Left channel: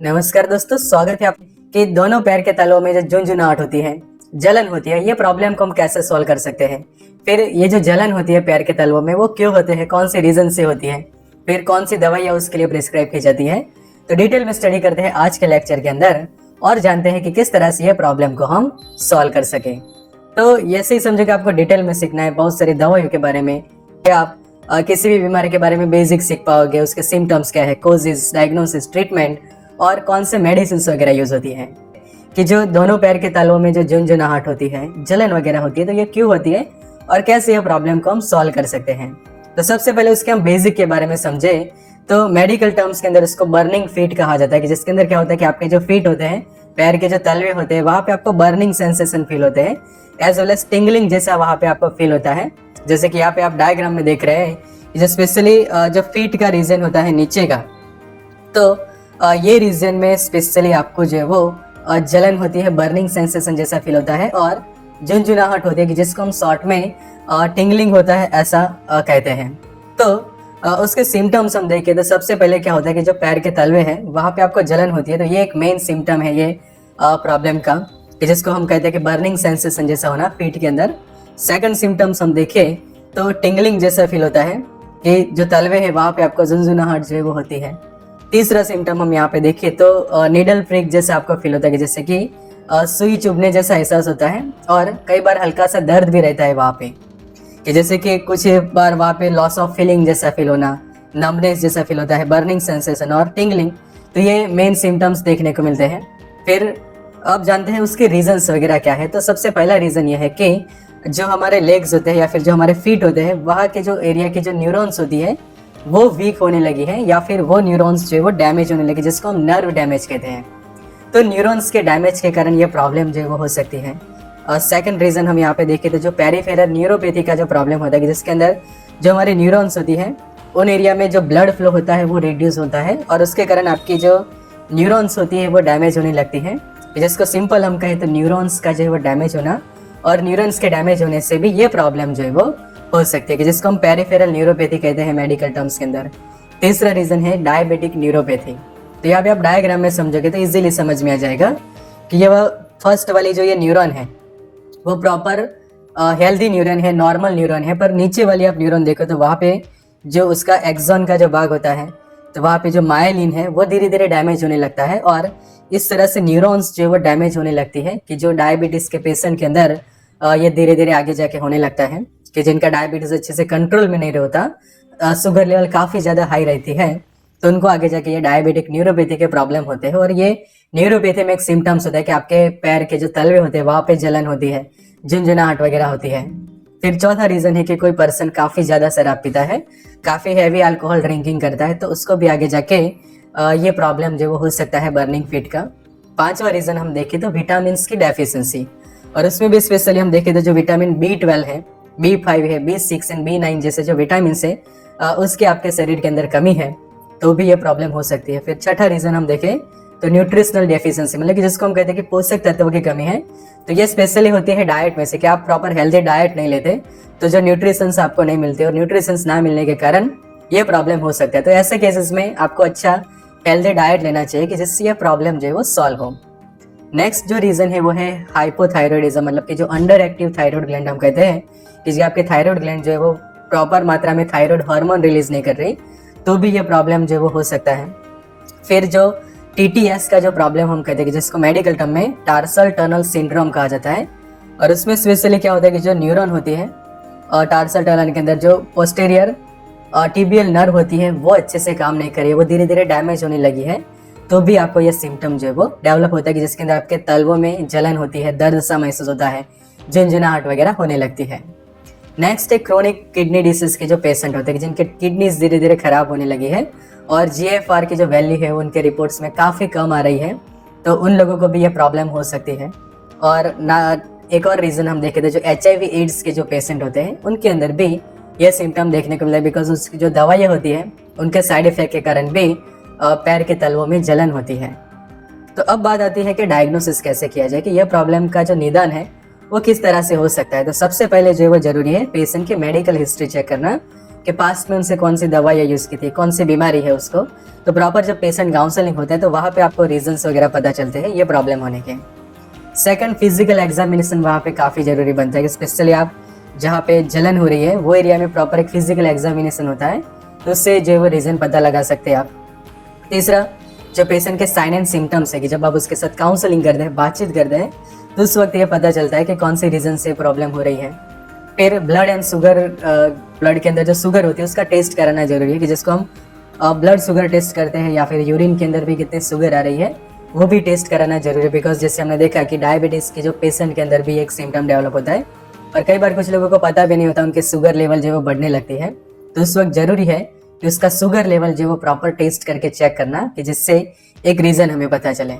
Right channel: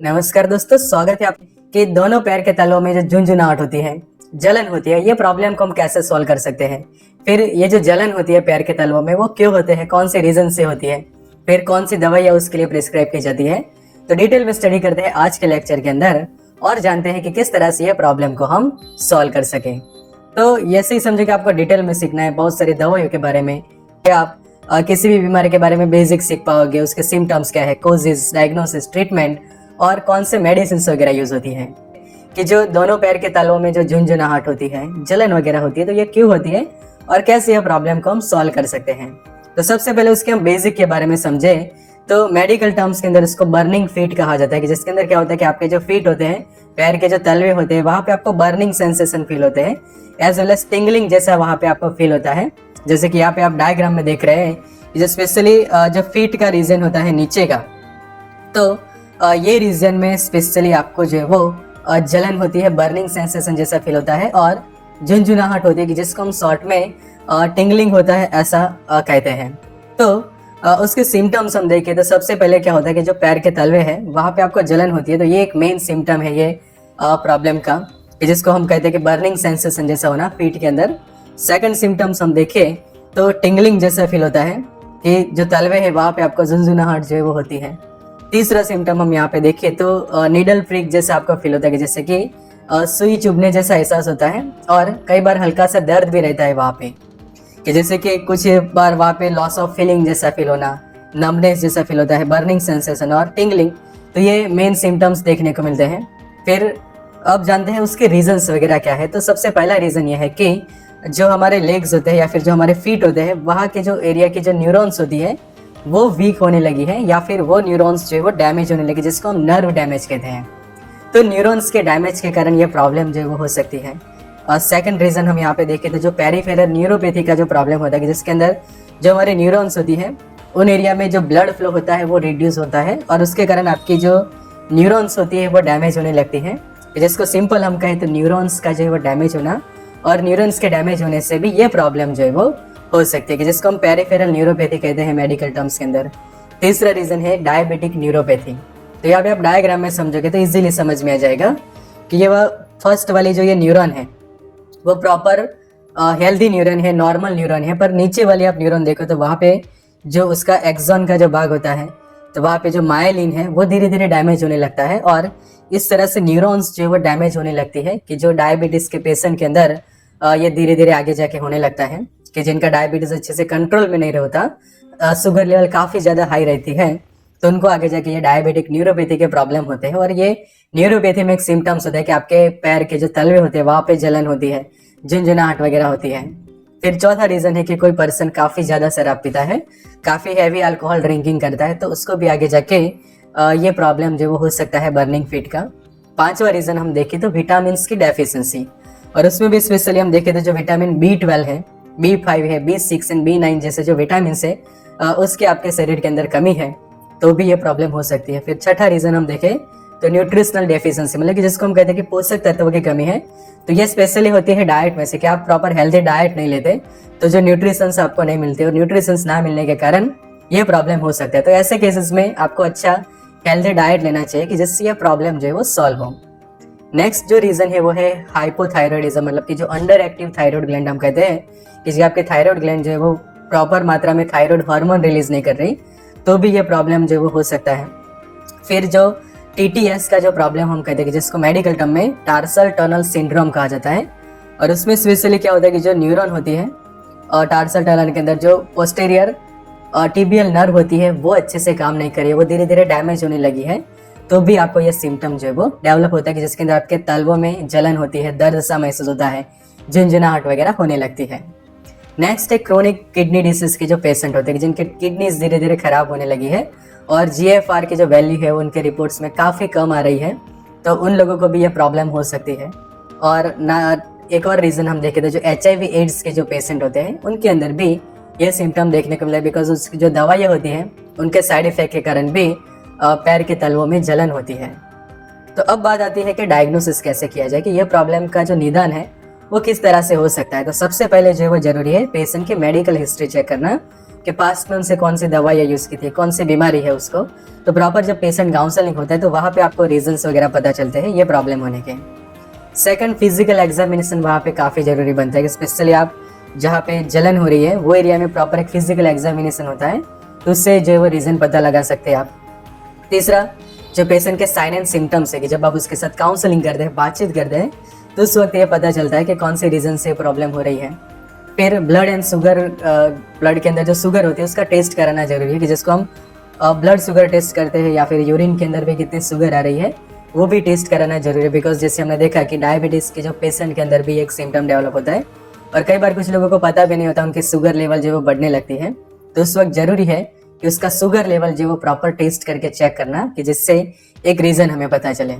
नमस्कार दोस्तों, स्वागत है आपके। दोनों पैर के तलवों में जो झुंझुनाहट होती है, जलन होती है, ये प्रॉब्लम को हम कैसे सॉल्व कर सकते हैं। फिर ये जो जलन होती है पैर के तलवों में, वो क्यों होते हैं, कौन से रीजन से होती है, फिर कौन सी दवाइयाँ उसके लिए प्रिस्क्राइब की जाती है। तो डिटेल में स्टडी करते हैं आज के लेक्चर के अंदर और जानते हैं कि किस तरह से ये प्रॉब्लम को हम सॉल्व कर सके। तो ऐसे ही समझे कि आपको डिटेल में सीखना है बहुत सारी दवाइयों के बारे में, कि आप किसी भी बीमारी के बारे में बेसिक सीख पाओगे, उसके सिम्टम्स क्या है, कोजेस, डायग्नोसिस, ट्रीटमेंट और कौन से मेडिसिन वगैरह यूज होती है। कि जो दोनों पैर के तालुओं में जो झुंझुनाहट होती है, जलन वगैरह होती है, तो ये क्यों होती है और कैसे यह प्रॉब्लम को हम सॉल्व कर सकते हैं। तो सबसे पहले उसके हम बेसिक के बारे में समझे तो मेडिकल टर्म्स के अंदर उसको बर्निंग फीट कहा जाता है। कि जिसके अंदर क्या होता है कि आपके जो फीट होते हैं, पैर के जो तलवे होते हैं, वहां पे आपको बर्निंग सेंसेशन फील होते हैं, एज वेल एज टिंगलिंग जैसा वहां पे आपको फील होता है। जैसे कि यहाँ पे आप डायग्राम में देख रहे हैं, जो स्पेशली जो फीट का रीजन होता है नीचे का, तो ये रीजन में स्पेशली आपको जो है वो जलन होती है, बर्निंग सेंसेशन जैसा फील होता है और झुंझुनाहट होती है, कि जिसको हम शॉर्ट में टिंगलिंग होता है ऐसा कहते हैं। तो उसके सिम्टम्स हम देखें तो सबसे पहले क्या होता है कि जो पैर के तलवे हैं वहाँ पे आपको जलन होती है, तो ये एक मेन सिम्टम है ये प्रॉब्लम का, कि जिसको हम कहते हैं कि बर्निंग सेंसेशन जैसा होना फीट के अंदर। सेकंड सिम्टम्स हम देखें तो टिंगलिंग जैसा फील होता है, कि जो तलवे है वहाँ पे आपको झुंझुनाहट जो है वो होती है। तीसरा सिम्टम हम यहाँ पे देखें तो नीडल प्रिक जैसा आपको फील होता है, कि जैसे कि सुई चुभने जैसा एहसास होता है और कई बार हल्का सा दर्द भी रहता है वहाँ पे, कि जैसे कि कुछ बार वहाँ पे लॉस ऑफ फीलिंग जैसा फील होना, नम्बनेस जैसा फील होता है, बर्निंग सेंसेशन और टिंगलिंग। तो ये मेन सिम्टम्स देखने को मिलते हैं। फिर अब जानते हैं उसके रीजंस वगैरह क्या है। तो सबसे पहला रीजन ये है कि जो हमारे लेग्स होते हैं या फिर जो हमारे फीट होते हैं, वहाँ के जो एरिया की जो न्यूरॉन्स होती है वो वीक होने लगी है, या फिर वो न्यूरॉन्स जो है वो डैमेज होने लगी, जिसको हम नर्व डैमेज कहते हैं। तो न्यूरॉन्स के डैमेज के कारण ये प्रॉब्लम जो है वो हो सकती है। सेकंड रीजन हम यहाँ पे देखें तो जो पेरिफेरल न्यूरोपैथी का जो प्रॉब्लम होता है, कि जिसके अंदर जो हमारे न्यूरॉन्स होती है उन एरिया में जो ब्लड फ्लो होता है वो रिड्यूस होता है और उसके कारण आपकी जो न्यूरॉन्स होती है वो डैमेज होने लगती है। जिसको सिंपल हम कहें तो न्यूरॉन्स का जो है वो डैमेज होना, और न्यूरॉन्स के डैमेज होने से भी ये प्रॉब्लम जो है वो हो सकती है, कि जिसको हम पेरिफेरल न्यूरोपैथी कहते हैं मेडिकल टर्म्स के अंदर। तीसरा रीजन है डायबिटिक न्यूरोपैथी। तो यहाँ पे आप डायग्राम में समझोगे तो इजीली समझ में आ जाएगा कि ये वह फर्स्ट वाली जो ये न्यूरॉन है वो प्रॉपर हेल्दी न्यूरॉन है, नॉर्मल न्यूरॉन है, पर नीचे वाली आप न्यूरॉन देखो तो वहाँ पे जो उसका एक्सॉन का जो भाग होता है, तो वहाँ पे जो मायलिन है वो धीरे धीरे डैमेज होने लगता है और इस तरह से न्यूरॉन्स जो है वो डैमेज होने लगती है, कि जो डायबिटीज के पेशेंट के अंदर ये धीरे धीरे आगे जाके होने लगता है, कि जिनका डायबिटीज अच्छे से कंट्रोल में नहीं रहता, शुगर लेवल काफी ज्यादा हाई रहती है, तो उनको आगे जाके ये डायबिटिक न्यूरोपैथी के प्रॉब्लम होते हैं। और ये न्यूरोपैथी में एक सिम्टम्स होता है कि आपके पैर के जो तलवे होते हैं वहां पे जलन होती है, झुंझुनाहट वगैरह होती है। फिर चौथा रीजन है कि कोई पर्सन काफी ज्यादा शराब पीता है, काफी हैवी अल्कोहल ड्रिंकिंग करता है, तो उसको भी आगे जाके ये प्रॉब्लम जो वो हो सकता है बर्निंग फीट का। पांचवा रीजन हम देखें तो विटामिन की डेफिशिएंसी, और उसमें भी स्पेशली हम देखें तो जो विटामिन B12 है, B5 है, B6 एंड B9 जैसे जो विटामिन है उसके आपके शरीर के अंदर कमी है, तो भी ये प्रॉब्लम हो सकती है। फिर छठा रीजन हम देखें तो न्यूट्रिशनल डेफिशिएंसी, मतलब कि जिसको हम कहते हैं कि पोषक तत्वों की कमी है, तो ये स्पेशली होती है डाइट में से, कि आप प्रॉपर हेल्दी डाइट नहीं लेते तो जो न्यूट्रिशंस आपको नहीं मिलती, और न्यूट्रिशंस ना मिलने के कारण ये प्रॉब्लम हो सकता है। तो ऐसे केसेस में आपको अच्छा हेल्दी डाइट लेना चाहिए, कि जिससे ये प्रॉब्लम जो है वो सॉल्व हो। नेक्स्ट जो रीजन है वो है हाइपोथायरॉयडिज्म, मतलब कि जो अंडर एक्टिव थायराइड ग्लैंड हम कहते हैं, कि आपके थायराइड ग्लैंड जो है वो प्रॉपर मात्रा में थायराइड हार्मोन रिलीज नहीं कर रही, तो भी ये प्रॉब्लम जो है वो हो सकता है। फिर जो TTS का जो प्रॉब्लम हम कहते हैं, जिसको मेडिकल टर्म में टार्सल टनल सिंड्रोम कहा जाता है, और उसमें स्पेशली क्या होता है कि जो न्यूरॉन होती है और टार्सल टनल के अंदर जो पोस्टीरियर टिबियल नर्व होती है वो अच्छे से काम नहीं कर रही है, वो धीरे धीरे डैमेज होने लगी है, तो भी आपको ये सिम्टम जो है वो डेवलप होता है, कि जिसके अंदर आपके तलवों में जलन होती है, दर्द सा महसूस होता है, झुंझुनाहट वगैरह होने लगती है। नेक्स्ट है क्रोनिक किडनी डिसीज के जो पेशेंट होते हैं, जिनके किडनीज धीरे धीरे खराब होने लगी है और GFR की जो वैल्यू है उनके रिपोर्ट्स में काफ़ी कम आ रही है, तो उन लोगों को भी ये प्रॉब्लम हो सकती है। और ना एक और रीज़न हम देखें तो जो HIV एड्स के जो पेशेंट होते हैं उनके अंदर भी ये सिम्टम देखने को मिला है, बिकॉज उसकी जो दवाइयाँ होती हैं उनके साइड इफेक्ट के कारण भी पैर के तलवों में जलन होती है। तो अब बात आती है कि डायग्नोसिस कैसे किया जाए, कि यह प्रॉब्लम का जो निदान है वो किस तरह से हो सकता है। तो सबसे पहले जो है वो जरूरी है पेशेंट की मेडिकल हिस्ट्री चेक करना, कि पास्ट में उनसे कौन सी दवाइयाँ यूज़ की थी, कौन सी बीमारी है उसको। तो प्रॉपर जब पेशेंट काउंसलिंग होते हैं तो वहाँ पे आपको रीजंस वगैरह पता चलते हैं ये प्रॉब्लम होने के। सेकंड, फिजिकल एग्जामिनेशन वहाँ पे काफ़ी ज़रूरी बनता है कि स्पेशली आप जहाँ पे जलन हो रही है वो एरिया में प्रॉपर एक फिजिकल एग्जामिनेशन होता है, तो उससे जो है वो रीज़न पता लगा सकते हैं आप। तीसरा, जो पेशेंट के साइन एंड सिम्टम्स है कि जब आप उसके साथ काउंसलिंग करते हैं, बातचीत करते हैं, तो उस वक्त ये पता चलता है कि कौन सी रीज़न से प्रॉब्लम हो रही है। फिर ब्लड एंड शुगर, ब्लड के अंदर जो शुगर होती है उसका टेस्ट कराना जरूरी है कि जिसको हम ब्लड शुगर टेस्ट करते हैं, या फिर यूरिन के अंदर भी कितनी शुगर आ रही है वो भी टेस्ट कराना जरूरी है। बिकॉज जैसे हमने देखा कि डायबिटीज़ के जो पेशेंट के अंदर भी एक सिम्टम डेवलप होता है और कई बार कुछ लोगों को पता भी नहीं होता, उनकी शुगर लेवल जो वो बढ़ने लगती है, तो उस वक्त जरूरी है कि उसका शुगर लेवल जो वो प्रॉपर टेस्ट करके चेक करना, कि जिससे एक रीज़न हमें पता चले।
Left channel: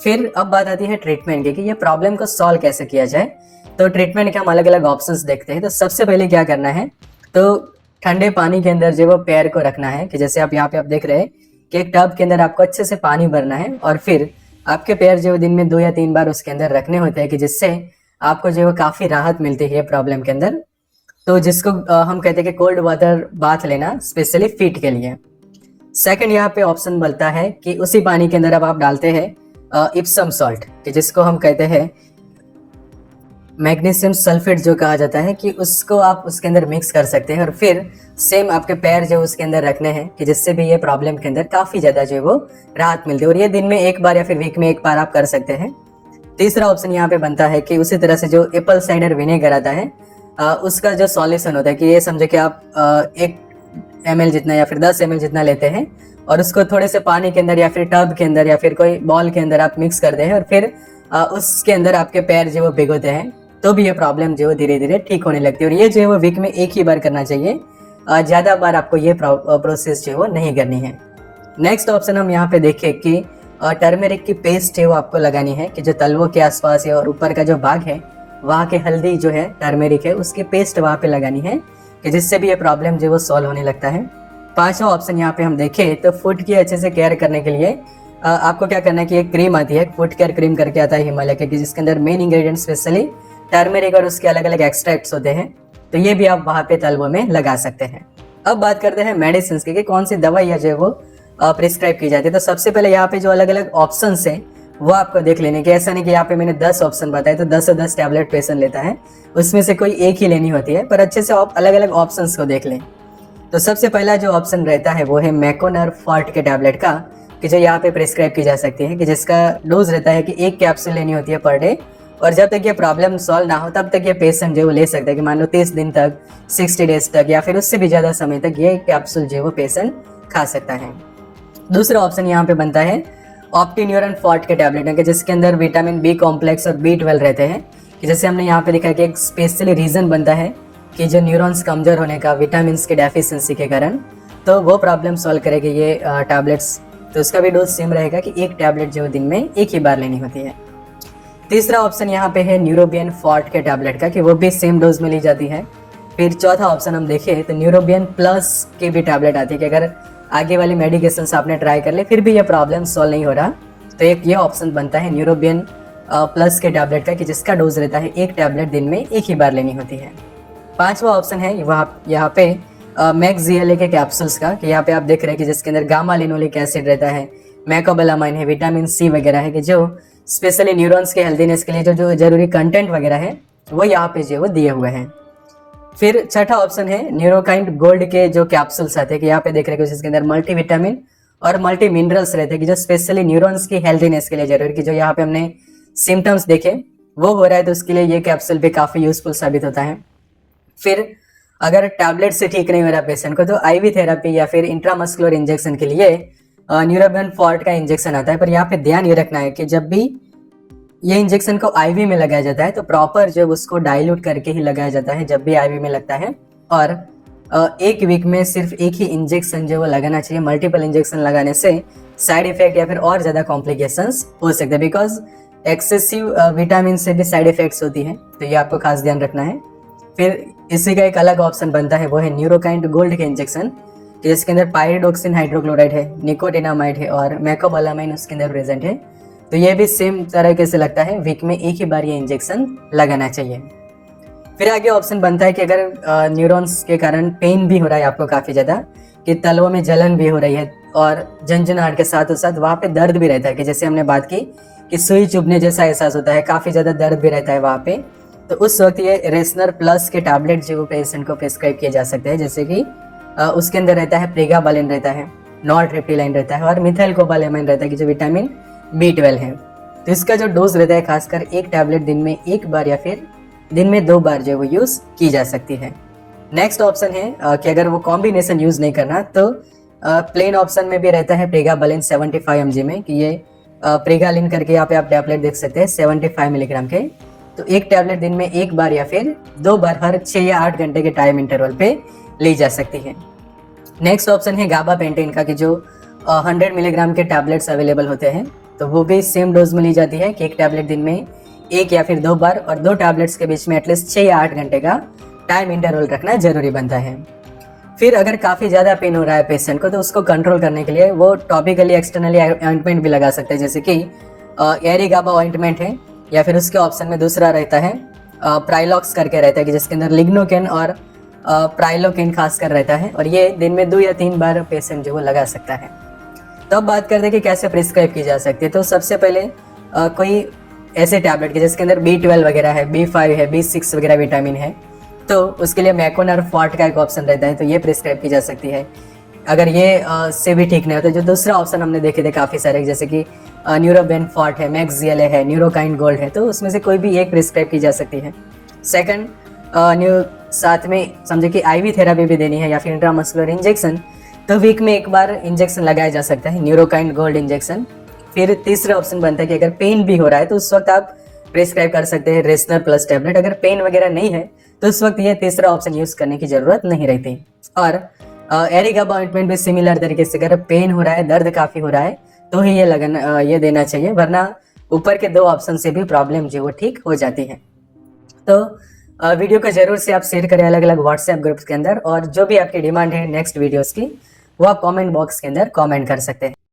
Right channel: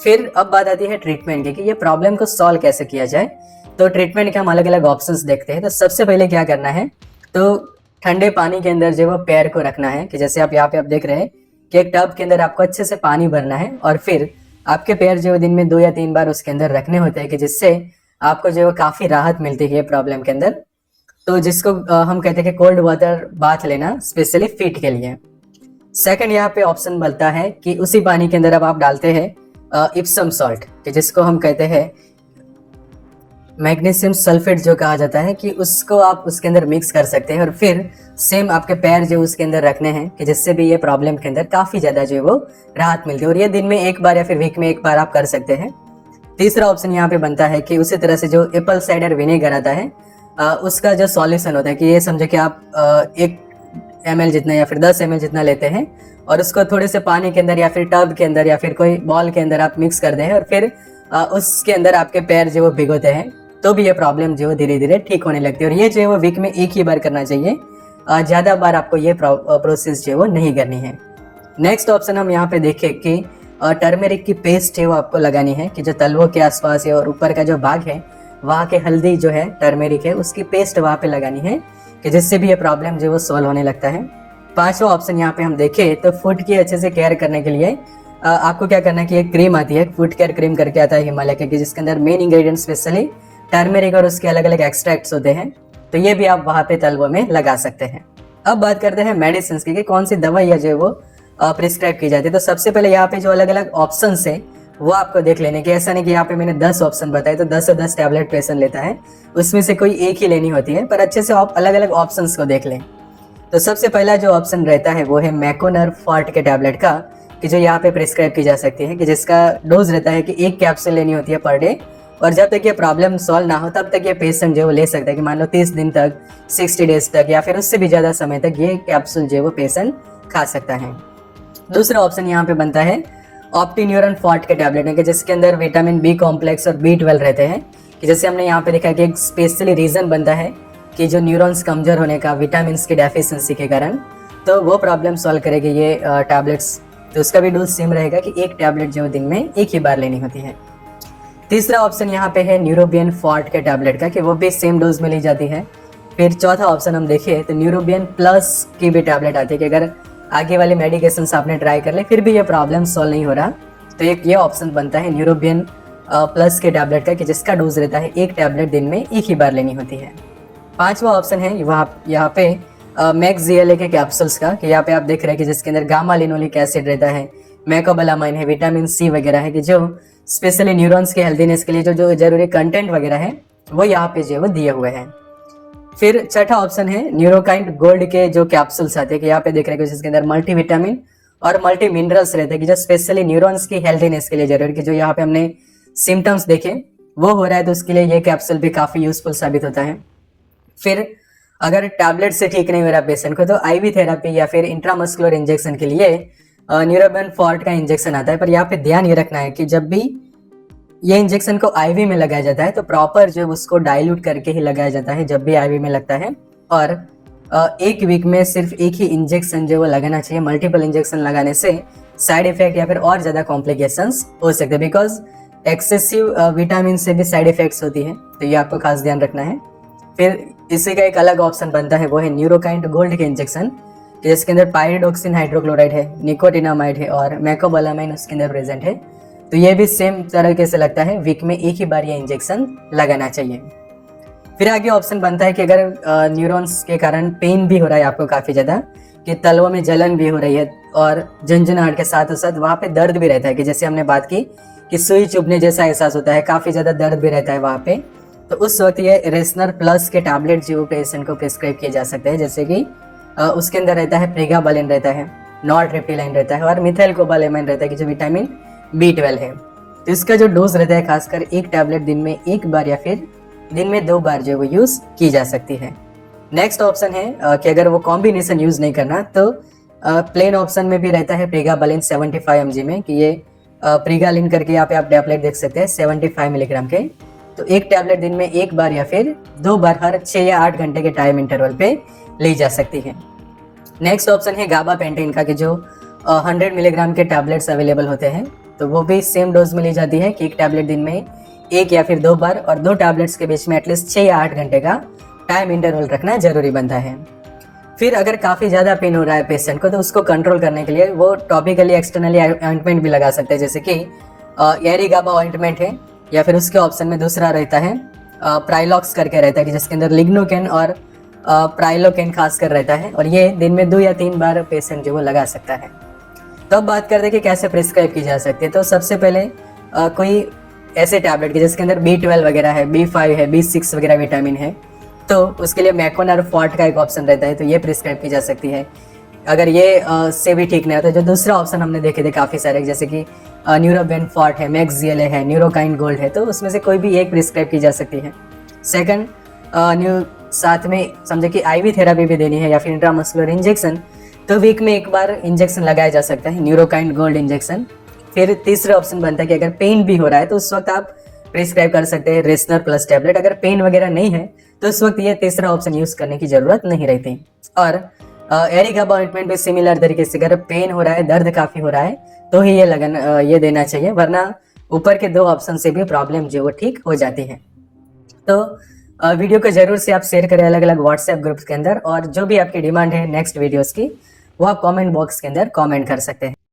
फिर अब बात आती है ट्रीटमेंट की कि ये प्रॉब्लम को सॉल्व कैसे किया जाए। तो ट्रीटमेंट के हम अलग अलग ऑप्शंस देखते हैं। तो सबसे पहले क्या करना है, तो ठंडे पानी के अंदर जो वो पैर को रखना है, कि जैसे आप यहाँ पे आप देख रहे हैं कि एक टब के अंदर आपको अच्छे से पानी भरना है और फिर आपके पैर जो दिन में 2 या 3 बार उसके अंदर रखने होते हैं, कि जिससे आपको जो काफ़ी राहत मिलती है प्रॉब्लम के अंदर। तो जिसको हम कहते हैं कि कोल्ड वाटर बाथ लेना, स्पेशली फीट के लिए। सेकंड, यहाँ पे ऑप्शन बनता है कि उसी पानी के अंदर अब आप डालते हैं इप्सम सॉल्ट, कि जिसको हम कहते हैं मैग्नीशियम सल्फेट जो कहा जाता है, कि उसको आप उसके अंदर मिक्स कर सकते हैं और फिर सेम आपके पैर जो उसके अंदर रखने हैं, कि जिससे भी ये प्रॉब्लम के अंदर काफ़ी ज़्यादा जो है वो राहत मिलती है। और ये दिन में 1 बार या फिर वीक में 1 बार आप कर सकते हैं। तीसरा ऑप्शन यहाँ पे बनता है कि उसी तरह से जो एप्पल साइडर विनेगर आता है उसका जो सॉल्यूशन होता है, कि ये समझे कि आप 1 ml जितना या फिर 10 ml जितना लेते हैं और उसको थोड़े से पानी के अंदर या फिर टब के अंदर या फिर कोई बॉल के अंदर आप मिक्स कर दें और फिर उसके अंदर आपके पैर जो वो भिगोते हैं, तो भी ये प्रॉब्लम जो धीरे धीरे ठीक होने लगती है। और ये जो है वो वीक में 1 ही बार करना चाहिए, ज़्यादा बार आपको ये प्रोसेस जो है वो नहीं करनी है। नेक्स्ट ऑप्शन हम यहाँ पे देखें कि टर्मेरिक की पेस्ट है वो आपको लगानी है, कि जो तलवों के आसपास है और ऊपर का जो भाग है वहाँ के हल्दी जो है टर्मेरिक है उसकी पेस्ट वहाँ पे लगानी है, कि जिससे भी ये प्रॉब्लम जो वो सॉल्व होने लगता है। 5वां ऑप्शन यहाँ पे हम देखें तो फुट की अच्छे से केयर करने के लिए आपको क्या करना है कि एक क्रीम आती है, फुट केयर क्रीम करके आता है हिमालय के, जिसके अंदर मेन इंग्रेडिएंट स्पेशली टर्मेरिक और उसके अलग अलग एक्सट्रैक्ट्स होते हैं, तो ये भी आप वहाँ पे तलवों में लगा सकते हैं। अब बात करते हैं मेडिसिन की कि कौन सी दवाई जो है वो प्रिस्क्राइब की जाती है। तो सबसे पहले यहाँ पे जो अलग अलग ऑप्शन है वो आपको देख लेने की, ऐसा नहीं कि यहाँ पे मैंने 10 ऑप्शन बताए तो 10 से 10 टैबलेट पेशेंट लेता है, उसमें से कोई एक ही लेनी होती है, पर अच्छे से आप अलग अलग ऑप्शंस को देख लें। तो सबसे पहला जो ऑप्शन रहता है वो है मैकोनर फॉर्ट के टैबलेट का, कि जो यहाँ पे प्रिस्क्राइब की जा सकती है, कि जिसका डोज रहता है कि 1 कैप्सूल लेनी होती है पर डे, और जब तक ये प्रॉब्लम सॉल्व ना हो तब तक ये पेशेंट जो ले सकता है, कि मान लो 30 दिन तक, 60 डेज तक या फिर उससे भी ज़्यादा समय तक ये कैप्सूल जो वो पेशेंट खा सकता है। दूसरा ऑप्शन यहाँ पे बनता है ऑप्टिन्यूरन फॉर्ट के टैबलेट है, कि जिसके अंदर विटामिन बी कॉम्प्लेक्स और B12 रहते हैं, कि जैसे हमने यहाँ पे देखा कि एक स्पेशली रीज़न बनता है कि जो न्यूरॉन्स कमजोर होने का विटामिन की डेफिशिएंसी के कारण, तो वो प्रॉब्लम सॉल्व करेगी ये टैबलेट्स। तो उसका भी डोज सेम रहेगा कि 1 टैबलेट जो दिन में 1 ही बार लेनी होती है। तीसरा ऑप्शन यहाँ पे है न्यूरोबियन फॉर्ट के टैबलेट का, कि वो भी सेम डोज में ली जाती है। फिर चौथा ऑप्शन हम देखें तो न्यूरोबियन प्लस की भी टैबलेट आती है, कि अगर आगे वाली मेडिकेशन आपने ट्राई कर ले फिर भी ये प्रॉब्लम सॉल्व नहीं हो रहा, तो एक ये ऑप्शन बनता है न्यूरोबियन प्लस के टैबलेट का, कि जिसका डोज रहता है 1 टैबलेट दिन में 1 ही बार लेनी होती है। 5वां ऑप्शन है यहाँ पे मैक्सियले के कैप्सूल्स का, कि यहाँ पे आप देख रहे हैं कि जिसके अंदर गामा लिनोलिक एसिड रहता है, मैकोबैलामाइन है, विटामिन सी वगैरह है, कि जो स्पेशली न्यूरॉन्स के हेल्दीनेस के लिए जो जरूरी कंटेंट वगैरह है वो यहाँ पे जो वो दिए हुए हैं। फिर छठा ऑप्शन है न्यूरोकाइंड गोल्ड के जो कैप्सूल्स आते हैं, कि यहाँ पे देख रहे हैं जिसके अंदर मल्टी विटामिन और मल्टी मिनरल्स रहते हैं, कि जो स्पेशली न्यूरॉन्स की हेल्दीनेस के लिए जरूरी, कि जो यहाँ पे हमने सिम्टम्स देखे वो हो रहा है, तो उसके लिए ये कैप्सूल भी काफ़ी यूजफुल साबित होता है। फिर अगर टैबलेट से ठीक नहीं हो रहा पेशेंट को, तो IV थेरेपी या फिर इंट्रामस्कुलर इंजेक्शन के लिए न्यूरोबियन फॉर्ट का इंजेक्शन आता है। पर यहाँ पे ध्यान ये रखना है कि जब भी ये इंजेक्शन को IV में लगाया जाता है तो प्रॉपर जो उसको डाइल्यूट करके ही लगाया जाता है जब भी IV में लगता है, और 1 वीक में सिर्फ 1 ही इंजेक्शन जो वो लगाना चाहिए। मल्टीपल इंजेक्शन लगाने से साइड इफेक्ट या फिर और ज़्यादा कॉम्प्लिकेशंस हो सकते हैं, बिकॉज एक्सेसिव विटामिन से भी साइड इफेक्ट्स होती है, तो ये आपको खास ध्यान रखना है। फिर इसी का एक अलग ऑप्शन बनता है, वो है न्यूरोकाइंड गोल्ड के इंजेक्शन, जिसके अंदर पायरिडोक्सिन हाइड्रोक्लोराइड है, निकोटिनामाइड है और मैकोबैलामाइन उसके अंदर प्रेजेंट है। तो ये भी सेम तरीके से लगता है, वीक में 1 ही बार ये इंजेक्शन लगाना चाहिए। फिर आगे ऑप्शन बनता है कि अगर न्यूरॉन्स के कारण पेन भी हो रहा है आपको काफ़ी ज़्यादा, कि तलवों में जलन भी हो रही है और झंझनाहट के साथ साथ वहाँ पे दर्द भी रहता है, कि जैसे हमने बात की कि सुई चुभने जैसा एहसास होता है, काफ़ी ज़्यादा दर्द भी रहता है वहाँ पे, तो उस वक्त ये रेसनर प्लस के टैबलेट जो पेशेंट को प्रिस्क्राइब किए जा सकते हैं, जैसे कि उसके अंदर रहता है प्रेगाबालिन रहता है, नॉरट्रिप्टिलाइन रहता है और मिथाइलकोबालेमाइन रहता है कि जो विटामिन B12 है। तो इसका जो डोज रहता है खासकर एक टैबलेट दिन में एक बार या फिर दिन में 2 बार जो वो यूज़ की जा सकती है। नेक्स्ट ऑप्शन है कि अगर वो कॉम्बिनेशन यूज़ नहीं करना तो प्लेन ऑप्शन में भी रहता है प्रेगाबालिन 75 mg में, कि ये प्रेगालिन करके यहाँ पे आप टैबलेट देख सकते हैं 75 मिलीग्राम के। तो एक टैबलेट दिन में एक बार या फिर 2 बार हर 6 या 8 घंटे के टाइम इंटरवल पे ली जा सकती है। नेक्स्ट ऑप्शन है गाबापेंटिन का, कि जो 100 मिलीग्राम के टैबलेट्स अवेलेबल होते हैं, तो वो भी सेम डोज में ली जाती है कि एक टैबलेट दिन में एक या फिर 2 बार, और 2 टैबलेट्स के बीच में एटलीस्ट 6 या 8 घंटे का टाइम इंटरवल रखना जरूरी बनता है। फिर अगर काफ़ी ज़्यादा पेन हो रहा है पेशेंट को, तो उसको कंट्रोल करने के लिए वो टॉपिकली एक्सटर्नली ऑइंटमेंट भी लगा सकते हैं, जैसे कि एरिगाबा ऑइंटमेंट है, या फिर उसके ऑप्शन में दूसरा रहता है प्राइलॉक्स करके रहता है, कि जिसके अंदर लिग्नोकेन और प्राइलोकेन खासकर रहता है, और ये दिन में 2 या 3 बार पेशेंट जो वो लगा सकता है। तो अब बात करते हैं कि कैसे प्रिस्क्राइब की जा सकती है। तो सबसे पहले कोई ऐसे टैबलेट के जिसके अंदर B12 वगैरह है, B5 है, B6 वगैरह विटामिन है, तो उसके लिए मैकोनर फॉर्ट का एक ऑप्शन रहता है, तो ये प्रिस्क्राइब की जा सकती है। अगर ये से भी ठीक नहीं है तो जो दूसरा ऑप्शन हमने देखे थे काफ़ी सारे, जैसे कि न्यूरोबेन फॉर्ट है, मैक्सियल है, न्यूरोकाइन गोल्ड है, तो उसमें से कोई भी एक प्रिस्क्राइब की जा सकती है। सेकंड, साथ में समझे कि IV थेरापी भी देनी है या फिर इंट्रामस्कुलर इंजेक्शन, तो वीक में एक बार इंजेक्शन लगाया जा सकता है, न्यूरोकाइन गोल्ड इंजेक्शन। फिर तीसरा ऑप्शन बनता है कि अगर पेन भी हो रहा है तो उस वक्त आप प्रिस्क्राइब कर सकते हैं रेसनर प्लस टैबलेट। अगर पेन वगैरह नहीं है तो उस वक्त ये तीसरा ऑप्शन यूज करने की जरूरत नहीं रहती। और एरिगाबा ऑइंटमेंट भी सिमिलर तरीके से, अगर पेन हो रहा है, दर्द काफी हो रहा है, तो ही ये देना चाहिए, वरना ऊपर के 2 ऑप्शन से भी प्रॉब्लम जो वो ठीक हो जाती है। तो वीडियो को जरूर से आप शेयर करें अलग अलग व्हाट्सएप ग्रुप्स के अंदर, और जो भी आपकी डिमांड है नेक्स्ट वीडियोस की, वो आप कमेंट बॉक्स के अंदर कमेंट कर सकते हैं।